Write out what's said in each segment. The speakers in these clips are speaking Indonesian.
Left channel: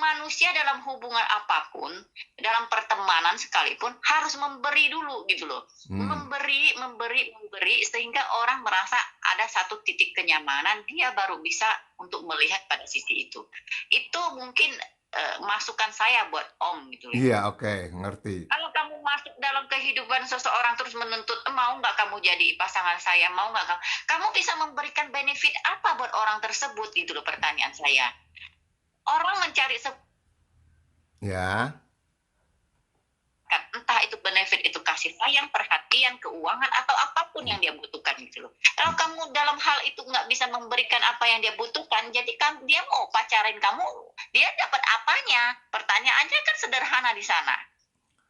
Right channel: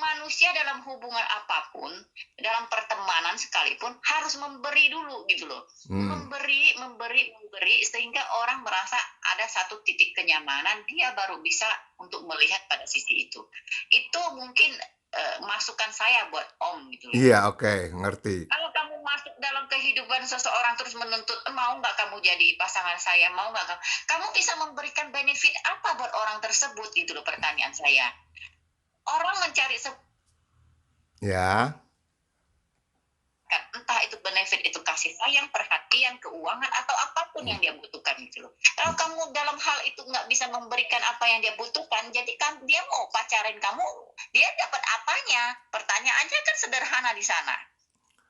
manusia dalam hubungan apapun, dalam pertemanan sekalipun harus memberi dulu gitu loh. Memberi, memberi, memberi sehingga orang merasa ada satu titik kenyamanan, dia baru bisa untuk melihat pada sisi itu. Itu mungkin masukan saya buat Om gitu ya. Iya, oke, ngerti. Kalau kamu masuk dalam kehidupan seseorang terus menuntut, mau nggak kamu jadi pasangan saya, mau nggak kamu, kamu bisa memberikan benefit apa buat orang tersebut gitu loh pertanyaan saya. Orang mencari Ya. entah itu benefit itu kasih sayang, perhatian, keuangan atau apapun yang dia butuhkan gitu loh. Kalau kamu dalam hal itu nggak bisa memberikan apa yang dia butuhkan, jadi kan dia mau pacarin kamu, dia dapat apanya? Pertanyaannya kan sederhana di sana.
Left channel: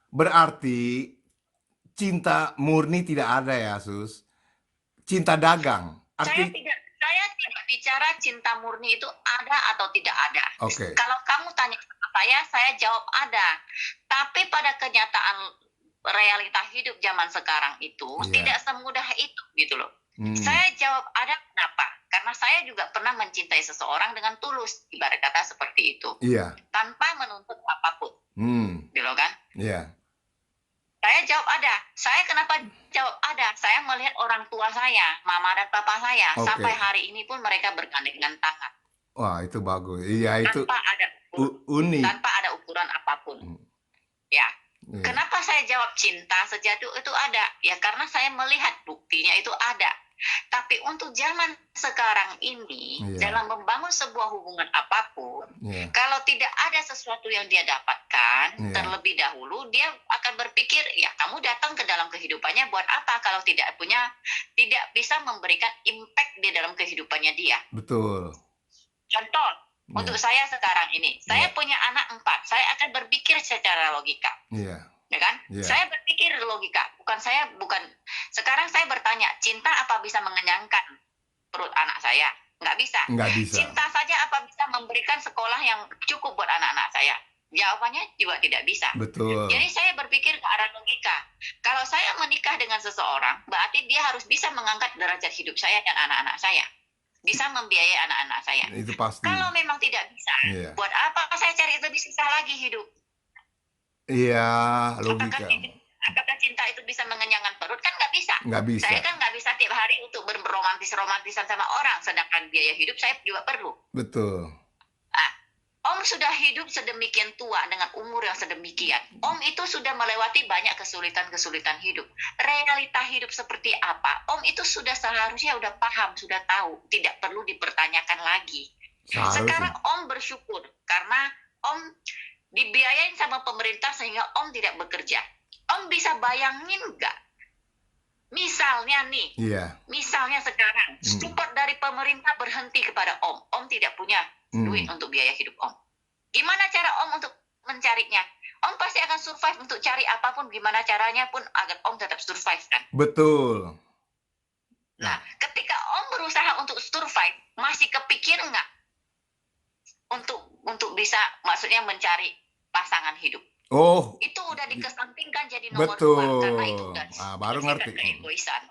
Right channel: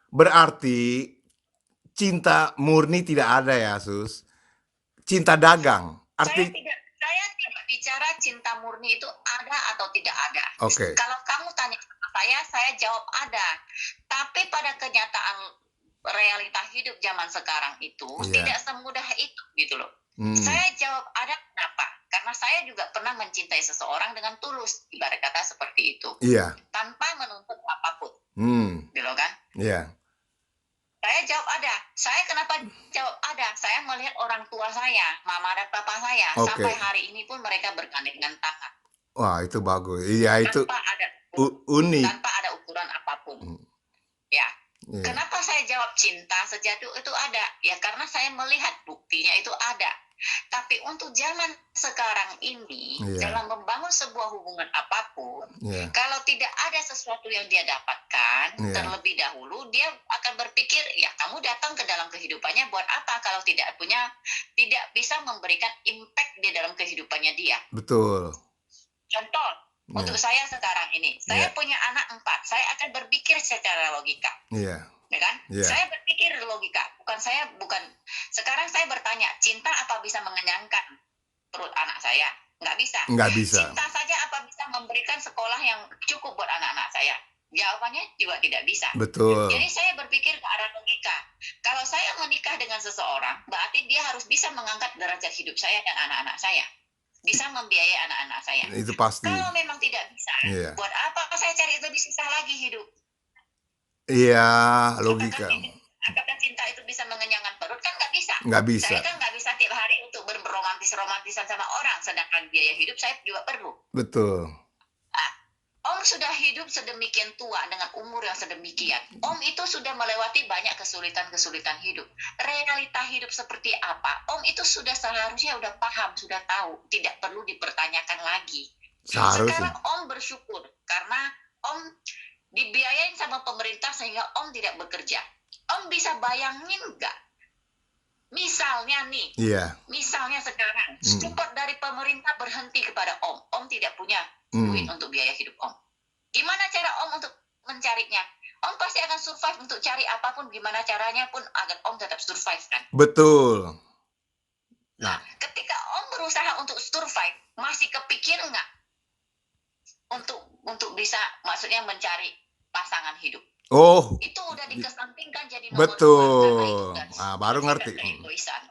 Berarti cinta murni tidak ada ya, Sus? Cinta dagang. Saya tidak bicara cinta murni itu ada atau tidak ada. Oke. Kalau kamu tanya sama saya jawab ada. Tapi pada kenyataan realita hidup zaman sekarang itu tidak semudah itu gitu loh. Saya jawab ada, kenapa? Karena saya juga pernah mencintai seseorang dengan tulus, ibarat kata seperti itu. Iya. Tanpa menuntut apapun. Gitu kan? Iya. Saya jawab ada. Saya kenapa jawab ada? Saya melihat orang tua saya, mama dan papa saya, sampai hari ini pun mereka bergandengan tangan. Wah, itu bagus. Iya, itu Tanpa ada unik. tanpa ada ukuran apapun. Ya. Kenapa saya jawab cinta sejati itu ada? Ya karena saya melihat buktinya itu ada. Tapi untuk zaman sekarang ini, dalam membangun sebuah hubungan apapun, kalau tidak ada sesuatu yang dia dapatkan, terlebih dahulu dia akan berpikir, ya kamu datang ke dalam kehidupannya buat apa kalau tidak bisa memberikan impact di dalam kehidupannya dia. Betul. Contoh, untuk saya sekarang ini, saya punya anak 4, saya akan berpikir secara logika. Ya kan? Saya berpikir logika, sekarang saya bertanya, cinta apa bisa mengenyangkan perut anak saya? Nggak bisa. Nggak bisa. Cinta saja apa bisa memberikan sekolah yang cukup buat anak-anak saya? Jawabannya juga tidak bisa. Betul. Jadi saya berpikir ke arah logika. Kalau saya menikah dengan seseorang, berarti dia harus bisa mengangkat derajat hidup saya dan anak-anak saya. Bisa membiayai anak-anak saya. Itu pasti. Kalau memang tidak bisa, buat apa saya cari lebih susah lagi hidup? Iya, logika. Apakah cinta itu bisa mengenyangkan perut? Kan nggak bisa. Nggak bisa. Saya kan nggak bisa tiap hari untuk berromantisan sama orang, sedangkan biaya hidup saya juga perlu. Betul. Om sudah hidup sedemikian tua dengan umur yang sedemikian. Om itu sudah melewati banyak kesulitan-kesulitan hidup. Realita hidup seperti apa? Om itu sudah seharusnya udah paham, sudah tahu. Tidak perlu dipertanyakan lagi. Sekarang Om bersyukur karena Om dibiayain sama pemerintah sehingga Om tidak bekerja. Om bisa bayangin nggak? Misalnya nih, misalnya sekarang support dari pemerintah berhenti kepada Om. Om tidak punya duit untuk biaya hidup Om. Gimana cara Om untuk mencarinya? Om pasti akan survive untuk cari apapun, gimana caranya pun agar Om tetap survive kan? Betul. Nah, ketika Om berusaha untuk survive, masih kepikir nggak untuk bisa, maksudnya mencari pasangan hidup? Oh, itu udah dikesampingkan jadi nomor betul. 2 karena itu udah baru ngerti. Keegoisan.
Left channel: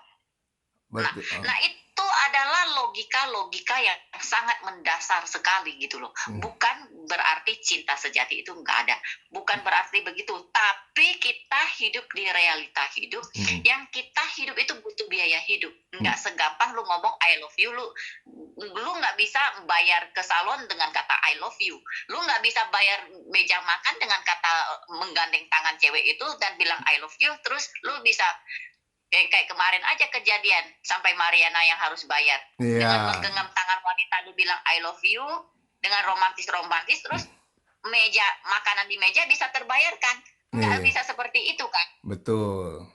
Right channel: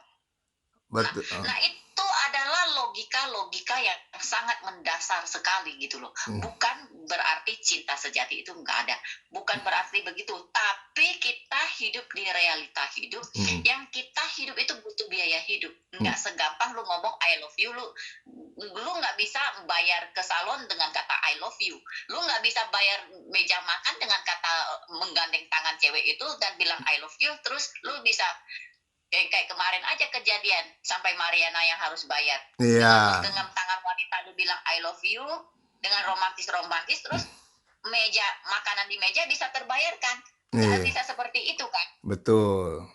Betul. Nah, itu adalah logika yang sangat mendasar sekali gitu loh. Bukan berarti cinta sejati itu nggak ada. Bukan berarti begitu. Tapi kita hidup di realita hidup yang kita hidup itu butuh biaya hidup. Nggak segampang lu ngomong I love you, lu nggak bisa bayar ke salon dengan kata I love you. Lu nggak bisa bayar meja makan dengan kata menggandeng tangan cewek itu dan bilang I love you. Terus lu bisa kayak kemarin aja kejadian sampai Mariana yang harus bayar. Dengan menggenggam tangan wanita lu bilang I love you dengan romantis terus meja makanan di meja bisa terbayarkan. Nggak bisa seperti itu kan? Betul.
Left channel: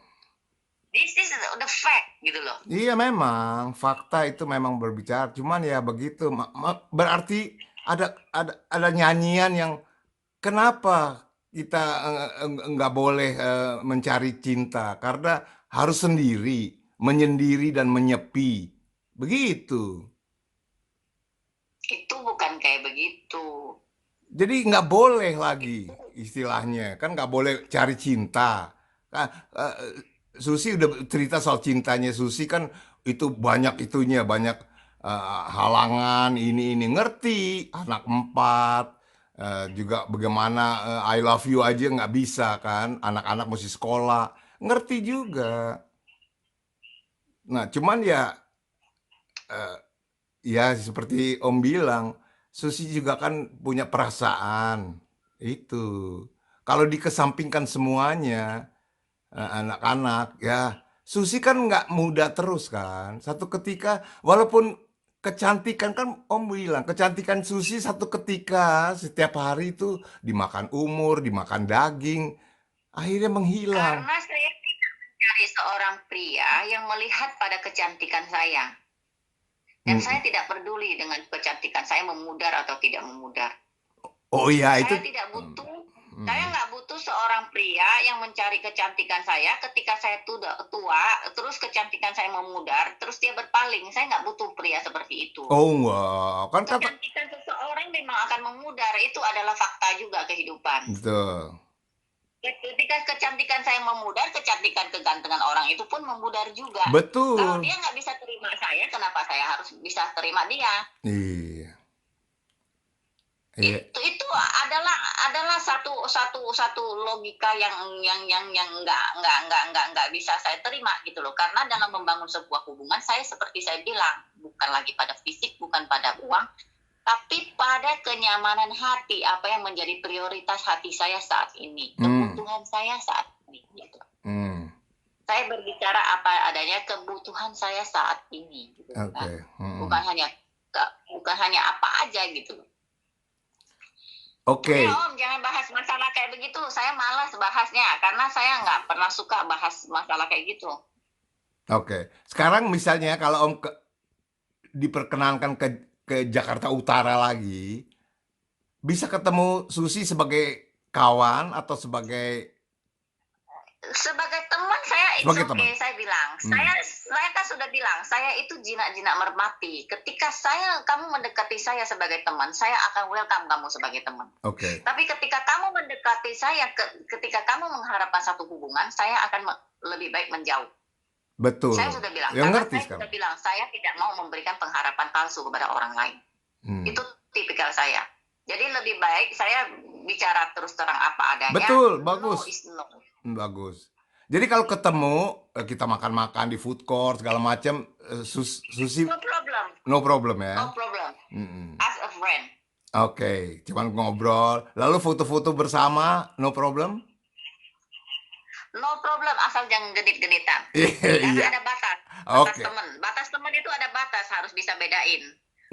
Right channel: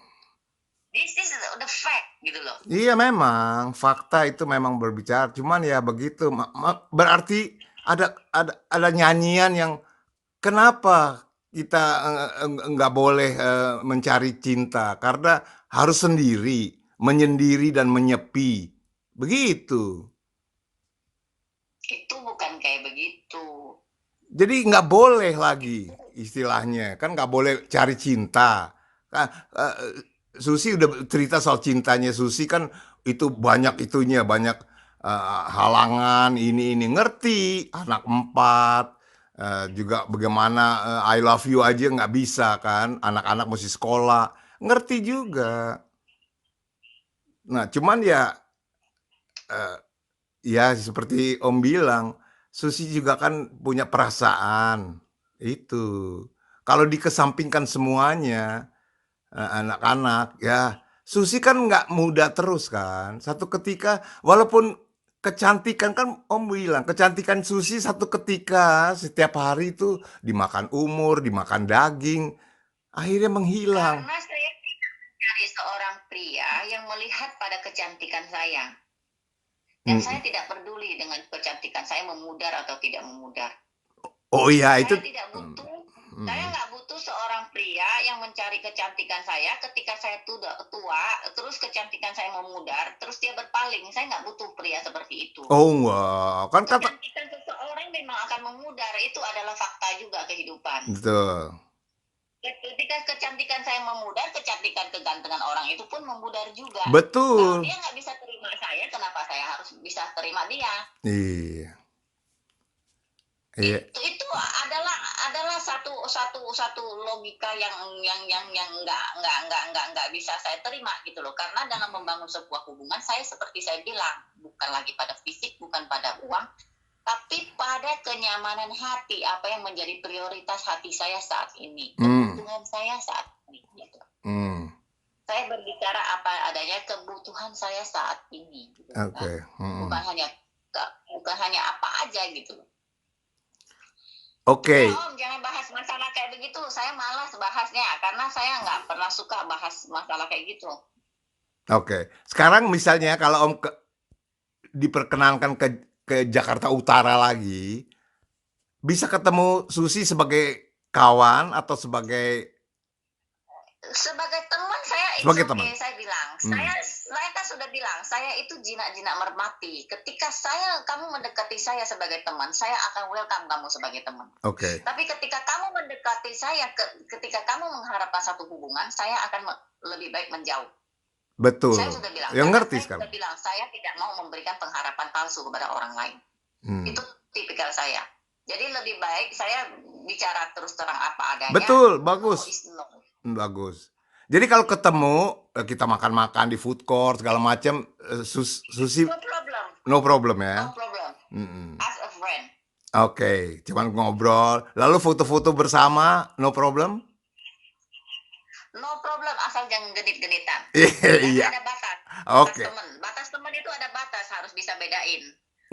This is the fact gitu loh. Iya, memang fakta itu memang berbicara. Cuman ya begitu. Berarti ada nyanyian yang kenapa kita nggak boleh mencari cinta, karena harus sendiri, menyendiri dan menyepi. Begitu. Itu bukan kayak begitu. Jadi nggak boleh lagi istilahnya. Kan nggak boleh cari cinta. Susi udah cerita soal cintanya Susi kan itu banyak itunya, banyak halangan ini ngerti, anak 4, Juga bagaimana I love you aja nggak bisa kan, anak-anak mesti sekolah, ngerti juga. Nah, cuman ya, eh, ya seperti Om bilang, Susi juga kan punya perasaan. Itu. Kalau dikesampingkan semuanya, anak-anak, ya Susi kan nggak muda terus kan. Satu ketika, walaupun kecantikan kan Om bilang, kecantikan Susi satu ketika setiap hari itu dimakan umur, dimakan daging, akhirnya menghilang. Karena saya tidak mencari seorang pria yang melihat pada kecantikan saya. Dan saya Mm. tidak peduli dengan kecantikan saya memudar atau tidak memudar. Oh iya itu. Saya tidak butuh, saya Mm. nggak butuh seorang pria yang mencari kecantikan saya ketika saya tua, terus kecantikan saya memudar, terus dia berpaling. Saya nggak butuh pria seperti itu. Oh enggak, kan kata Kecantikan seseorang memang akan memudar, itu adalah fakta juga kehidupan. betul. Ketika kecantikan saya memudar, kecantikan kegantengan orang itu pun memudar juga. Kalau Betul. dia nggak bisa terima saya, kenapa saya harus bisa terima dia? Iya. Iya. Itu adalah satu logika yang nggak bisa saya terima gitu loh. Karena dalam membangun sebuah hubungan, saya seperti saya bilang, bukan lagi pada fisik, bukan pada uang, tapi pada kenyamanan hati, apa yang menjadi prioritas hati saya saat ini, kebutuhan saya saat ini gitu. Saya berbicara apa adanya, kebutuhan saya saat ini gitu kan. Oke. Bukan hanya apa aja gitu loh. Oke. Udah Om, jangan bahas masalah kayak begitu. Saya malas bahasnya karena saya nggak pernah suka bahas masalah kayak gitu. Oke. Sekarang misalnya kalau Om diperkenankan ke Jakarta Utara lagi, bisa ketemu Susi sebagai kawan atau sebagai Teman saya it's sebagai okay, teman? saya bilang. Saya kan sudah bilang, saya itu jinak-jinak merpati. Ketika kamu mendekati saya sebagai teman, saya akan welcome kamu sebagai teman. Oke. Tapi ketika kamu mendekati saya, ketika kamu mengharapkan satu hubungan, saya akan lebih baik menjauh. Betul. Saya sudah bilang, Yang ngerti saya sekarang. sudah bilang, saya tidak mau memberikan pengharapan palsu kepada orang lain. Itu tipikal saya. Jadi lebih baik saya bicara terus terang apa adanya. Betul, bagus. No is no. Bagus. Jadi kalau ketemu, kita makan-makan di food court segala macam, Susi No problem. no problem ya. No problem. As a friend. Oke, cuman ngobrol, lalu foto-foto bersama, no problem? No problem, asal jangan genit-genitan. Iya. Karena ada batas. Oke. Batas teman itu ada batas, harus bisa bedain.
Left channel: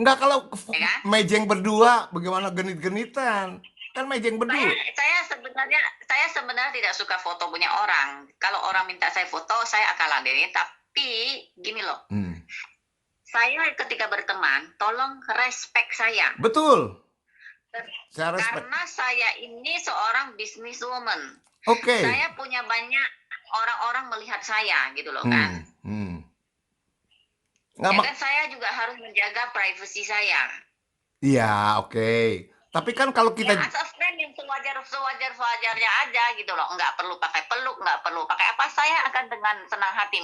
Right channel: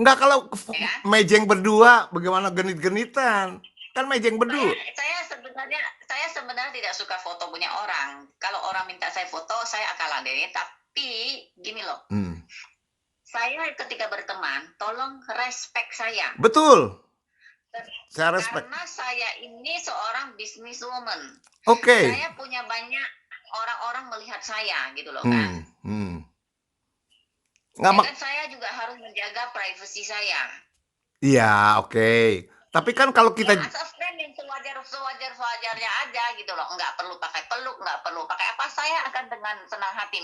Enggak, kalau Ya kan? mejeng berdua, bagaimana genit-genitan? Kan mejeng berdua. Saya sebenarnya tidak suka foto punya orang. Kalau orang minta saya foto, saya akan ladenin. Tapi gini loh, saya ketika berteman, tolong respect saya. Betul. Saya respect. Karena saya ini seorang businesswoman. Oke. Saya punya banyak orang-orang melihat saya gitu loh kan. Ya kan saya juga harus menjaga privasi saya. Iya, oke. Tapi kan kalau kita as a friend yang sewajarnya aja gitu loh, nggak perlu pakai peluk, nggak perlu pakai apa, saya akan dengan senang hati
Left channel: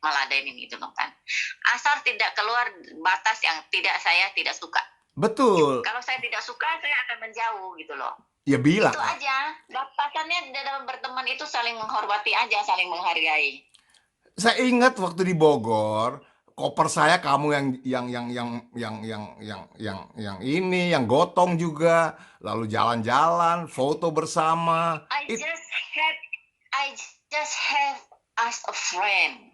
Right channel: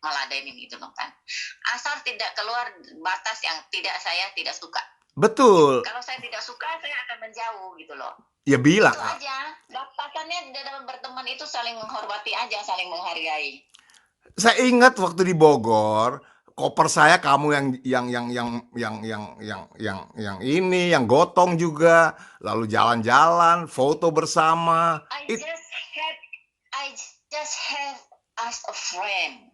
meladenin gitu loh kan. Asal tidak keluar batas yang saya tidak suka. Betul. Kalau saya tidak suka, saya akan menjauh gitu loh. Ya bilang. Itu aja. Batasannya dalam berteman itu saling menghormati aja, saling menghargai. Saya ingat waktu di Bogor, koper saya kamu yang ini, yang gotong juga, lalu jalan-jalan, foto bersama. I just have as a friend.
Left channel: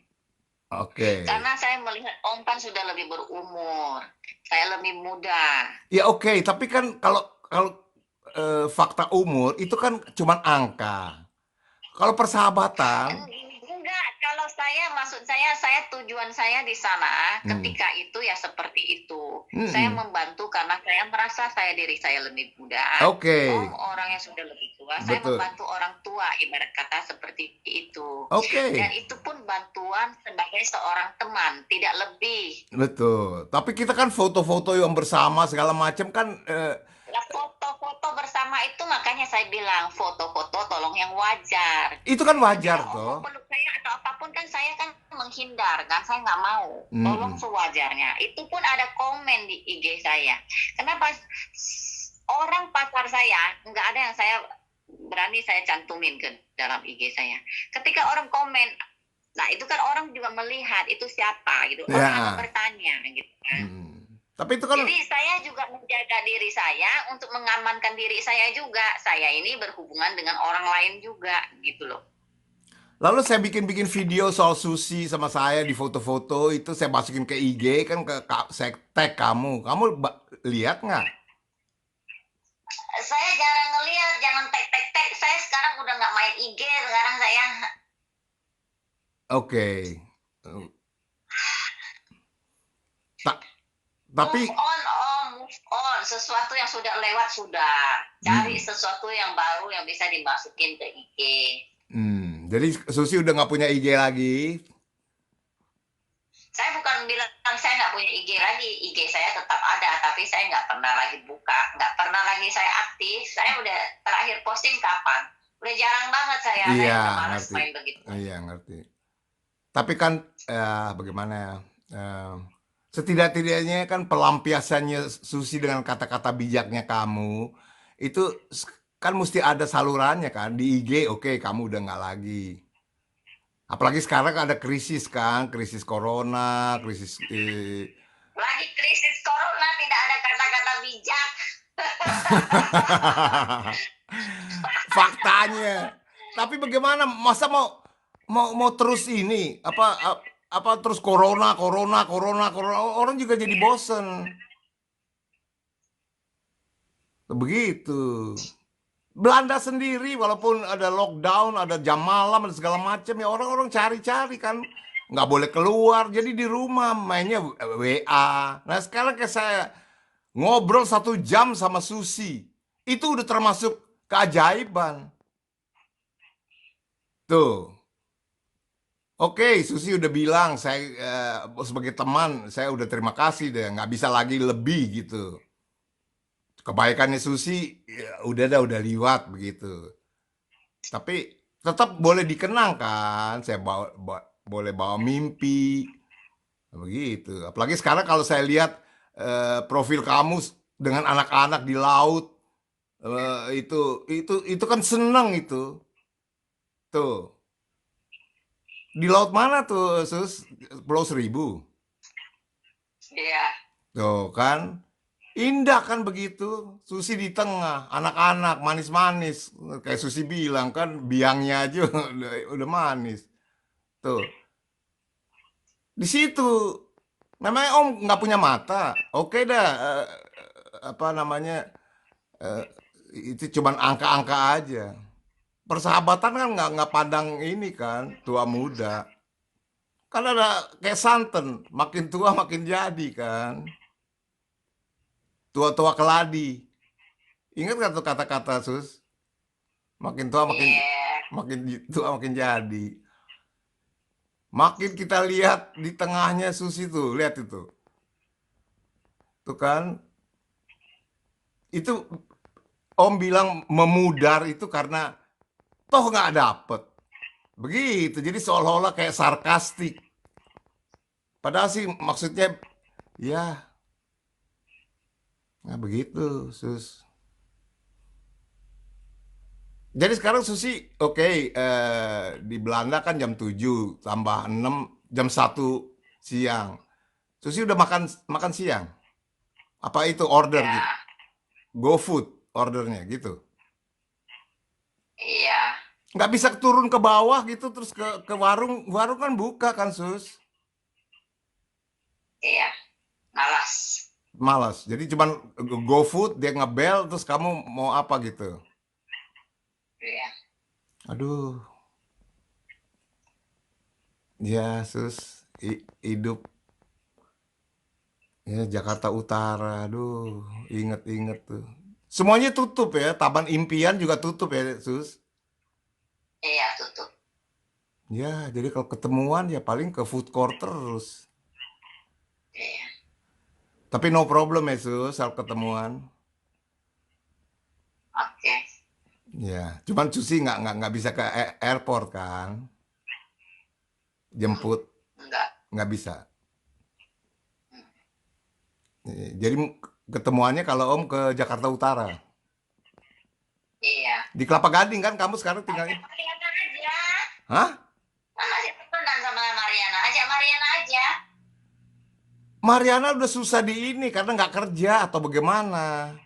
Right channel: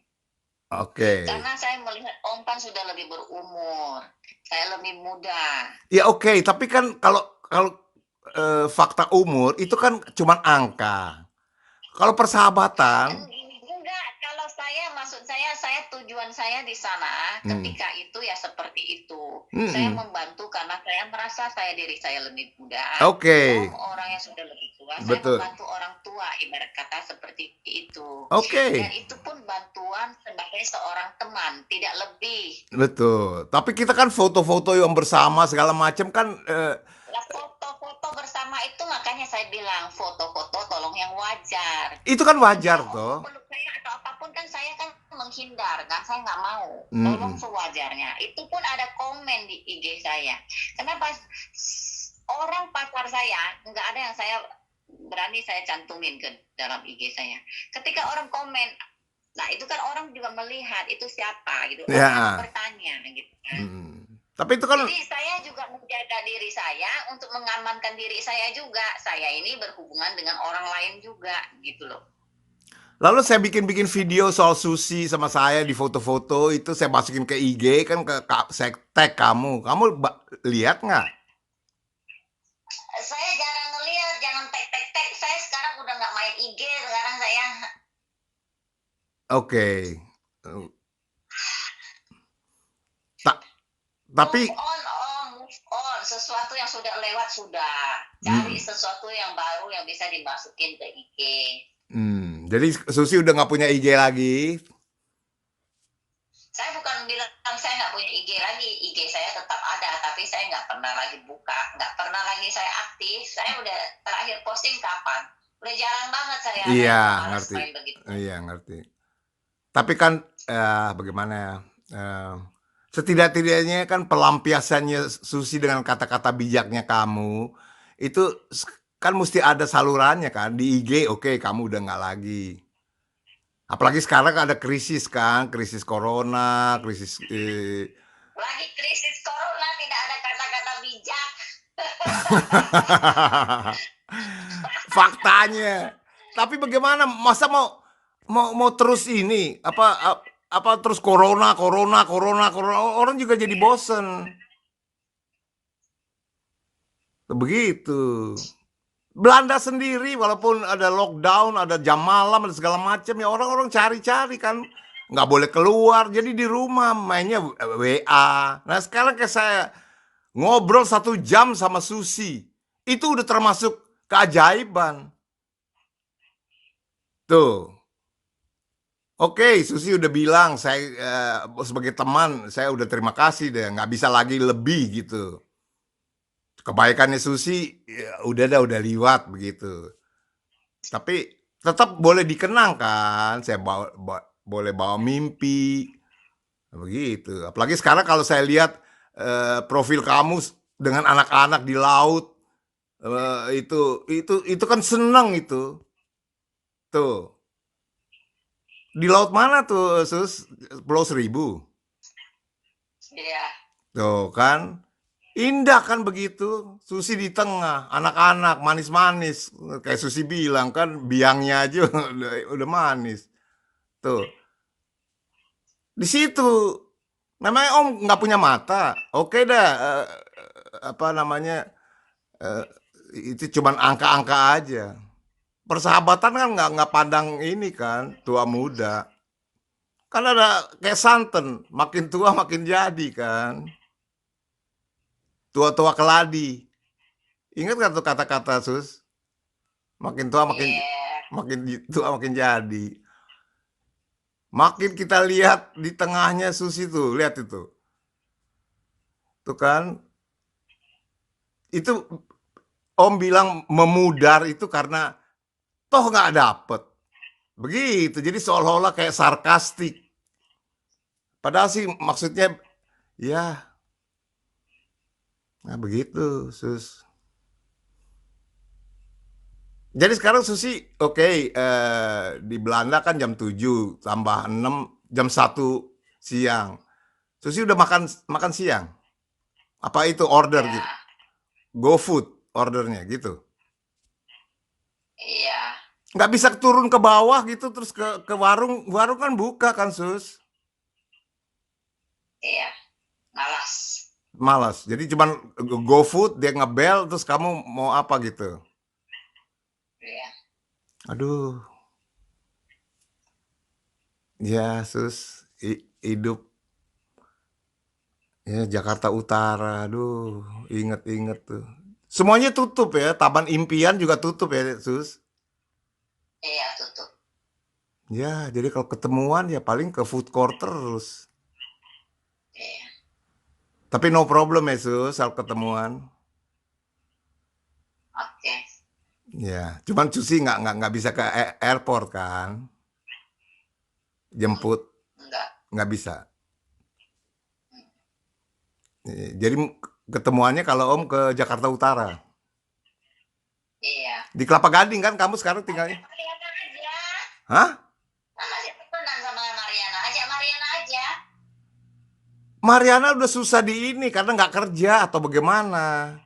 Oke. Karena saya melihat Om kan sudah lebih berumur, saya lebih muda. Ya oke, tapi kan kalau fakta umur itu kan cuma angka. Kalau persahabatan. Enggak, kalau maksud saya tujuan saya di sana ketika itu ya seperti itu. Saya membantu karena saya merasa diri saya lebih muda. Oke. Orang yang sudah lebih tua, Betul. saya membantu orang tua, ibarat kata seperti itu. Oke. Dan itu pun bantuan sebagai seorang teman, tidak lebih. Betul. Tapi kita kan foto-foto yang bersama segala macam kan. Foto-foto bersama itu makanya saya bilang foto-foto tolong yang wajar. Itu kan wajar toh. Peluk saya atau apapun kan saya kan menghindar kan, saya nggak mau. Tolong sewajarnya. Itu pun ada komen di IG saya. Kenapa orang pacaran kamar saya, nggak ada yang saya berani saya cantumin ke dalam IG saya. Ketika orang komen, nah itu kan orang juga melihat itu siapa gitu. Orang akan Ya. bertanya gitu kan. Tapi itu kan Jadi saya juga menjaga diri saya untuk mengamankan diri saya juga. Saya ini berhubungan dengan orang lain juga gitu loh. lalu saya bikin-bikin video soal sushi sama saya di foto-foto itu saya masukin ke IG kan saya tag kamu. Kamu lihat nggak? Saya jarang ngelihat, jangan tag. Saya sekarang udah nggak main IG sekarang saya. Oke. Ta- tapi Move on, move on. Sesuatu yang sudah lewat sudah. Cari hmm, sesuatu yang baru yang bisa dimasukin ke IG. jadi Susi udah nggak punya IG lagi. Saya bukan bilang saya nggak punya IG lagi. IG saya tetap ada, tapi saya nggak pernah lagi buka, nggak pernah lagi saya aktif. Saya udah terakhir posting kapan? Udah jarang banget saya Iya, udah males ngerti. main begitu. Iya, ngerti. Tapi kan bagaimana ya? Setidak-tidaknya kan pelampiasannya Susi dengan kata-kata bijaknya kamu itu kan mesti ada salurannya kan di IG. Oke, kamu udah nggak lagi. Apalagi sekarang ada krisis kan, krisis corona, krisis Lagi krisis corona tidak ada kata-kata bijak. faktanya. Tapi bagaimana? Masa mau terus ini apa terus corona orang juga jadi bosen. Begitu. Belanda sendiri walaupun ada lockdown, ada jam malam, ada segala macam ya orang-orang cari-cari kan nggak boleh keluar, jadi di rumah mainnya WA. Nah sekarang kayak saya ngobrol 1 jam sama Susi, itu udah termasuk keajaiban. Tuh, oke Susi udah bilang saya sebagai teman saya udah terima kasih deh, nggak bisa lagi lebih gitu. Kebaikannya Susi ya, udah liwat begitu. Tapi tetap boleh dikenang kan, saya boleh bawa mimpi begitu. Apalagi sekarang kalau saya lihat profil kamu dengan anak-anak di laut, itu kan seneng itu. Tuh, di laut mana tuh, Sus? Pulau Seribu. Iya. Tuh kan, indah kan begitu. Susi di tengah, anak-anak manis-manis. Kayak Susi bilang kan, biangnya aja udah manis. Tuh, di situ. Namanya Om nggak punya mata. Oke dah, apa namanya, eh, itu cuman angka-angka aja. Persahabatan kan nggak pandang ini kan, tua muda. Kan ada kayak santen, makin tua makin jadi kan. Tua-tua keladi. Ingat kan tuh kata-kata Sus? Makin tua Iya. makin tua makin jadi. Makin kita lihat di tengahnya Susi tuh, lihat itu. Tuh kan, itu Om bilang memudar itu karena toh nggak dapet. Begitu, jadi seolah-olah kayak sarkastik. Padahal sih maksudnya, ya, nah begitu, Sus. Jadi sekarang Susi, oke, di Belanda kan jam 7 tambah 6 jam 1 siang. Susi udah makan makan siang? Apa itu order Ya. gitu? GoFood ordernya gitu? Iya. Nggak bisa turun ke bawah gitu terus ke warung, warung kan buka kan Sus? Iya. Malas. Malas. Jadi cuman GoFood dia ngebel terus kamu mau apa gitu. Iya. Aduh, ya Sus, hidup ya Jakarta Utara. Aduh, inget-inget tuh. Semuanya tutup ya, Taman Impian juga tutup ya Sus. Iya, tutup. Ya, jadi kalau ketemuan ya paling ke food court terus. Iya. Tapi no problem ya Sus, soal ketemuan. Oke. Ya, cuman Susi nggak bisa ke airport kan, jemput Enggak. nggak bisa. Jadi ketemuannya kalau Om ke Jakarta Utara. Di Kelapa Gading kan kamu sekarang tinggalnya? Ajak Mariana aja. Hah? Kan masih temenan sama Mariana. Ajak Mariana aja. Mariana udah susah di ini karena nggak kerja atau bagaimana?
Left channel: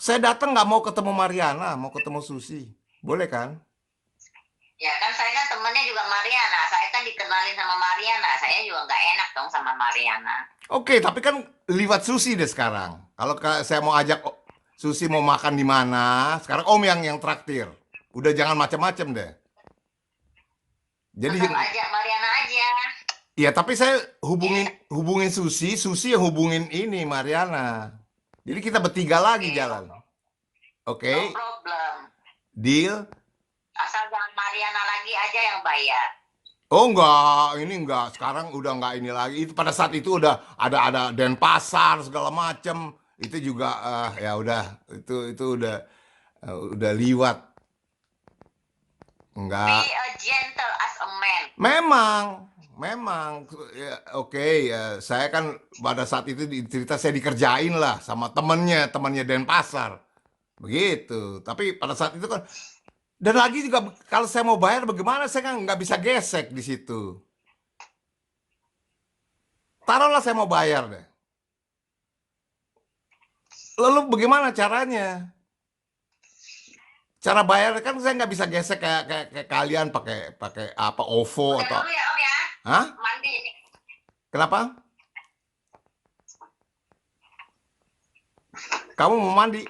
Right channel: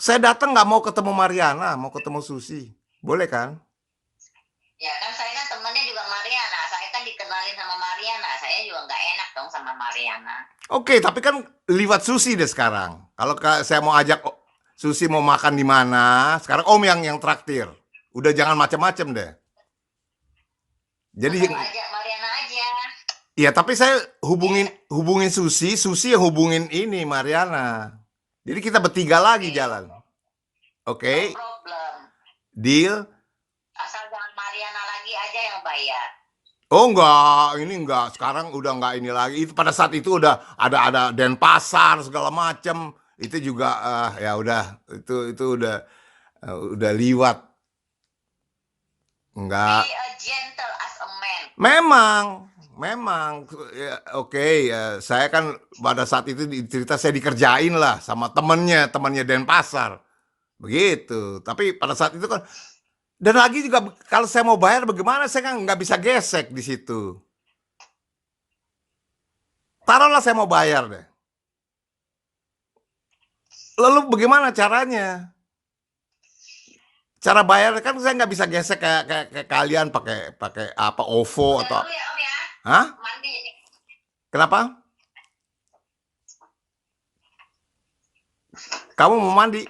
Saya datang nggak mau ketemu Mariana, mau ketemu Susi. Boleh kan? Ya kan saya kan temennya juga Mariana. Saya kan dikenalin sama Mariana. Saya juga nggak enak dong sama Mariana. Oke, tapi kan liwat Susi deh sekarang. Kalau saya mau ajak Susi mau makan di mana, sekarang Om yang traktir. Udah jangan macam-macam deh. Jadi Tetap ajak Mariana aja. ya tapi saya hubungin Susi, Susi yang hubungin ini Mariana. Jadi kita bertiga lagi Oke, jalan. no Oke, problem. deal? Asal jangan Mariana lagi aja yang bayar. Oh enggak, ini enggak. Sekarang udah enggak ini lagi. Itu pada saat itu udah ada Denpasar segala macam. Itu juga ya udah itu udah liwat. Be Enggak. a gentle as a man. Memang ya, oke ya. Saya kan pada saat itu cerita saya dikerjain lah sama temennya Denpasar. Begitu. Tapi pada saat itu kan dan lagi juga kalau saya mau bayar bagaimana saya kan nggak bisa gesek di situ. Taruhlah saya mau bayar deh. Lalu bagaimana caranya? Cara bayar kan saya nggak bisa gesek kayak kalian pakai pakai apa OVO Udah atau dulu ya Om ya. hah? Mandi ini. Kenapa? Kamu mau mandi?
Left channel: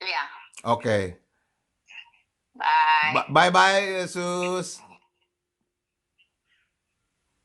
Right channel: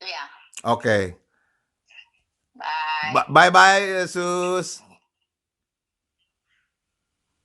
Iya. Oke. Bye. Bye bye, Sus.